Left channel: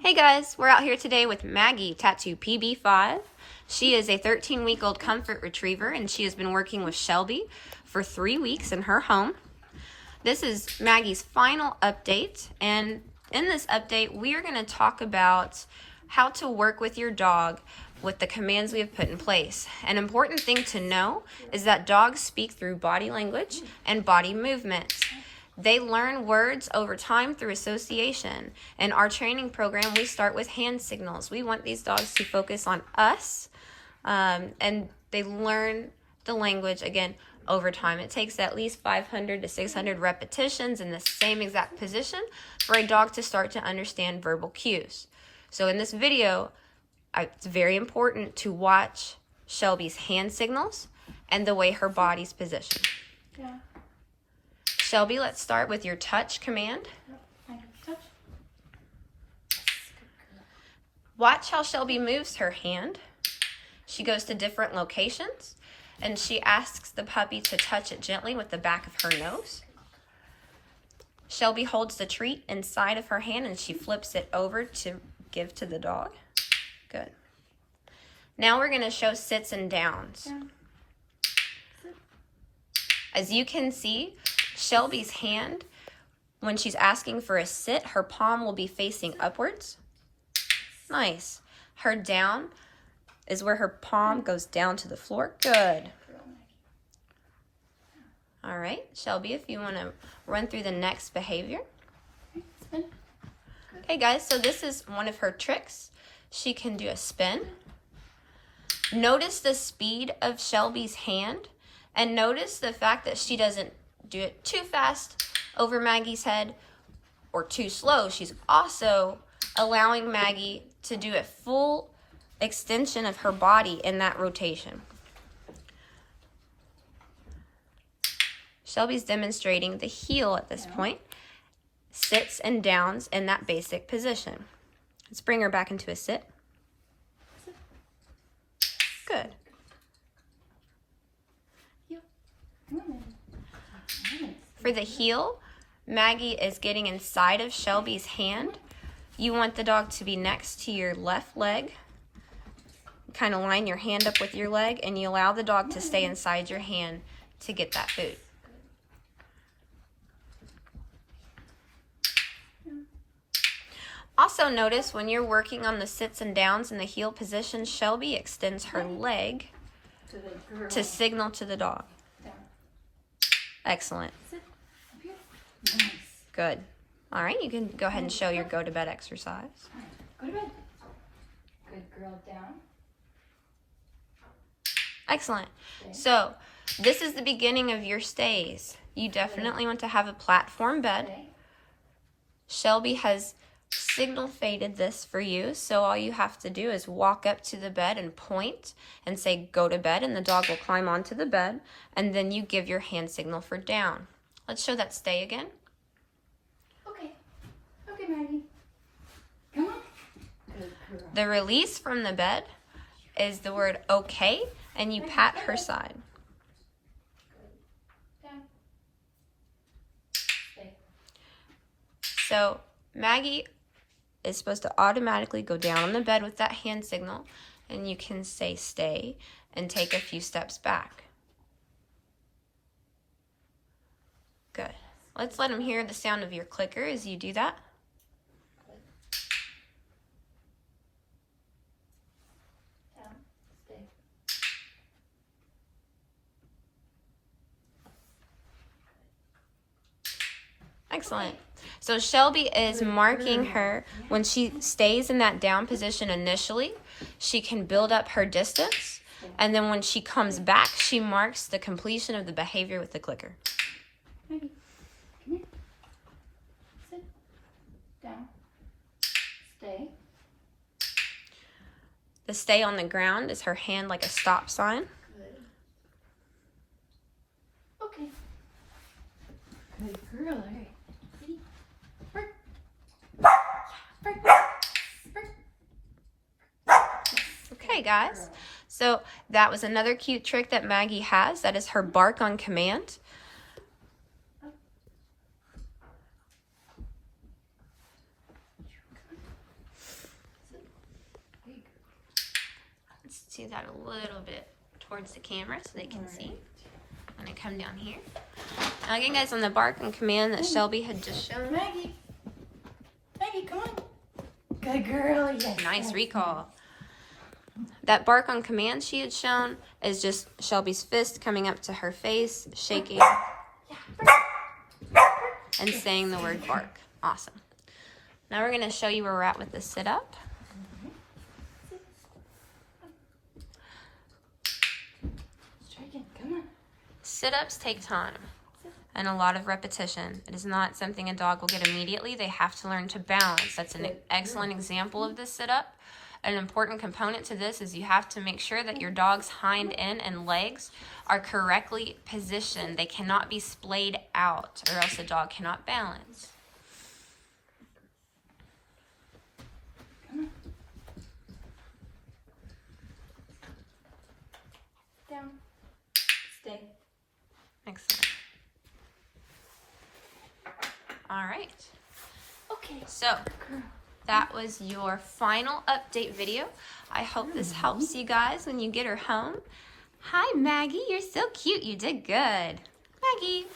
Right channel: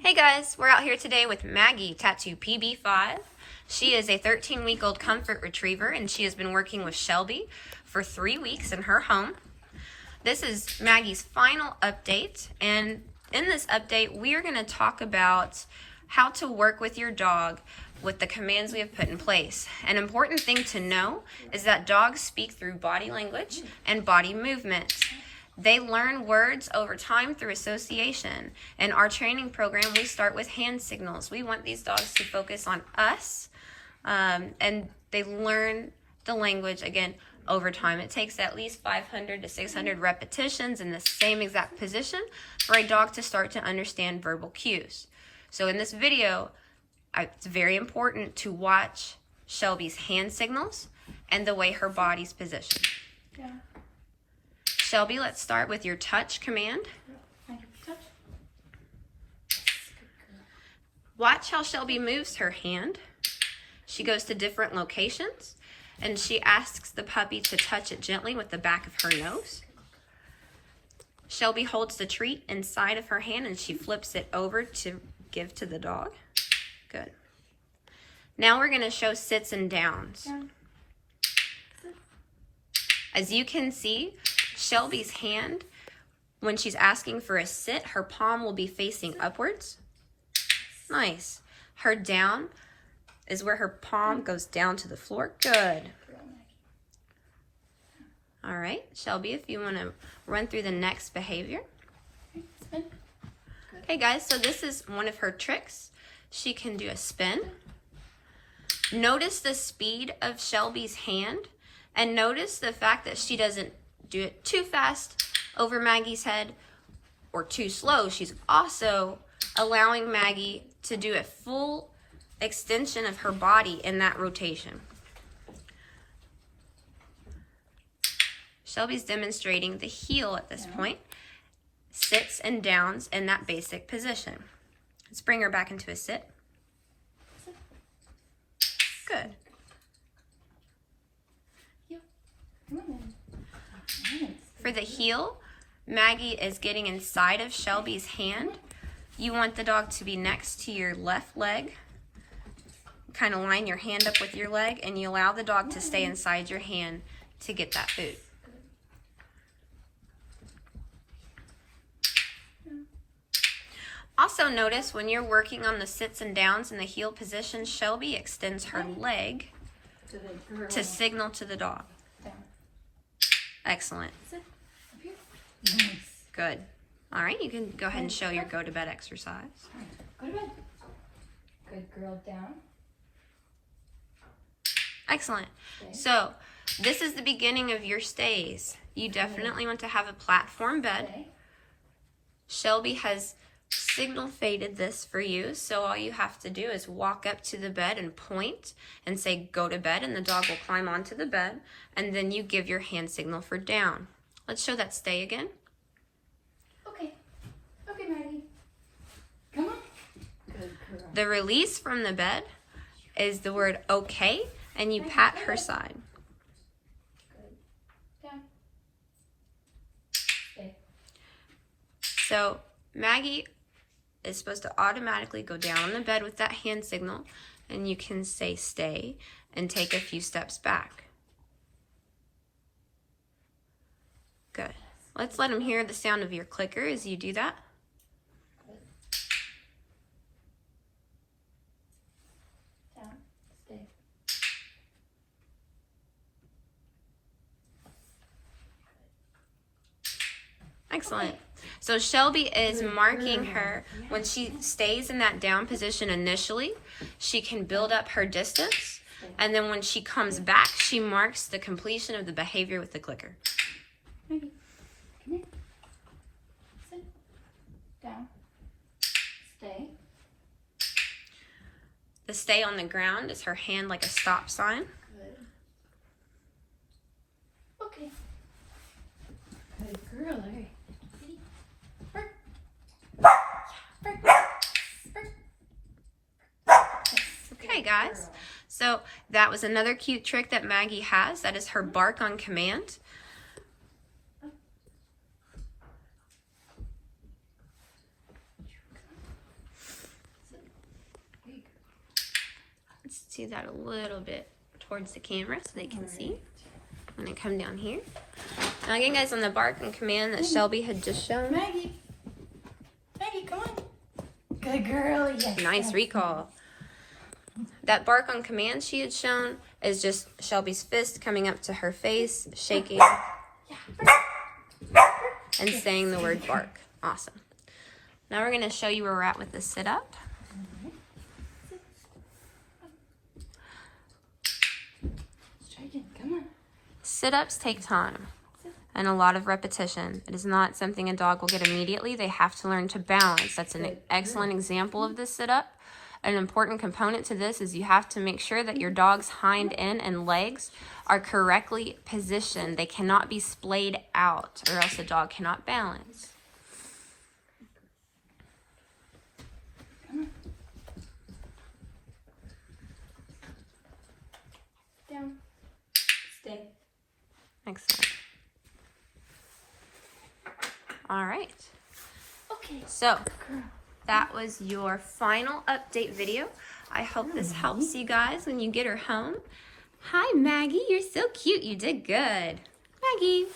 Hey guys, we're out here today with Maggie, tattoo PB5. She is a 13-week-old comfort retriever and she has been working with Shelby for 3 weeks in her home. This is Maggie's final update, and in this update we are going to talk about how to work with your dog with the commands we have put in place. An important thing to know is that dogs speak through body language and body movement. They learn words over time through association. In our training program, we start with hand signals. We want these dogs to focus on us, and they learn the language, again, over time. It takes at least 500 to 600 repetitions in the same exact position for a dog to start to understand verbal cues. So in this video, it's very important to watch Shelby's hand signals and the way her body's positioned. Yeah. Shelby, let's start with your touch command. Touch. Watch how Shelby moves her hand. She goes to different locations and she asks the puppy to touch it gently with the back of her nose. Shelby holds the treat inside of her hand and she flips it over to give to the dog. Good. Now we're going to show sits and downs. As you can see, Shelby's hand, when she's asking for a sit, her palm will be facing upwards. Nice. Her down is where her palm goes down to the floor. Good. All right, Shelby, if you want to run through the next behavior. Okay, guys, so this is one of her tricks. She can do a spin. Notice the speed of Shelby's hand, and notice the fact that she doesn't do it too fast over Maggie's head or too slow. She's also allowing Maggie to do a full extension of her body in that rotation. Shelby's demonstrating the heel at this point. Sits and downs in that basic position. Let's bring her back into a sit. Good. For the heel, Maggie is getting inside of Shelby's hand. You want the dog to be next to your left leg. Kind of line your hand up with your leg and you allow the dog to stay inside your hand to get that food. Also notice when you're working on the sits and downs in the heel position, Shelby extends her leg to signal to the dog. Excellent. Nice. Good. All right, you can go ahead and show your go to bed exercise. Go to bed. Good girl, down. Excellent. So this is the beginning of your stays. You definitely want to have a platform bed. Shelby has signal faded this for you, so all you have to do is walk up to the bed and point and say go to bed, and the dog will climb onto the bed, and then you give your hand signal for down. Let's show that stay again. Okay, Maggie. Come on. Good girl. The release from the bed is the word okay, and you pat her side. Good. Down. Stay. So Maggie is supposed to automatically go down on the bed with that hand signal, and you can say stay and take a few steps back. Good. Let's let him hear the sound of your clicker as you do that. Down. Stay. Excellent. So Shelby is marking her when she stays in that down position initially. She can build up her distance, and then when she comes back, she marks the completion of the behavior with the clicker. Maggie, come here. Sit. Down. Stay. The stay on the ground is her hand like a stop sign. Good. Okay. Good girl, all right. Okay, guys. So that was another cute trick that Maggie has. That is her bark on command. see that a little bit towards the camera so they can see. I'm gonna come down here. Now again, guys, on the bark and command that Shelby had just shown. Maggie, come on. Good girl. Yes. Nice recall. That bark on command she had shown is just Shelby's fist coming up to her face, shaking, and saying the word bark. Awesome. Now we're gonna show you where we're at with the sit-up. Come on. Sit-ups take time and a lot of repetition. It is not something a dog will get immediately. They have to learn to balance. That's an excellent example of this sit-up. An important component to this is you have to make sure that your dog's hind end and legs are correctly positioned. They cannot be splayed out or else the dog cannot balance. Down. Stay. Excellent. All right. Okay. So that was your final update video. I hope this helps you guys when you get her home. Hi, Maggie. You're so cute. You did good. Maggie.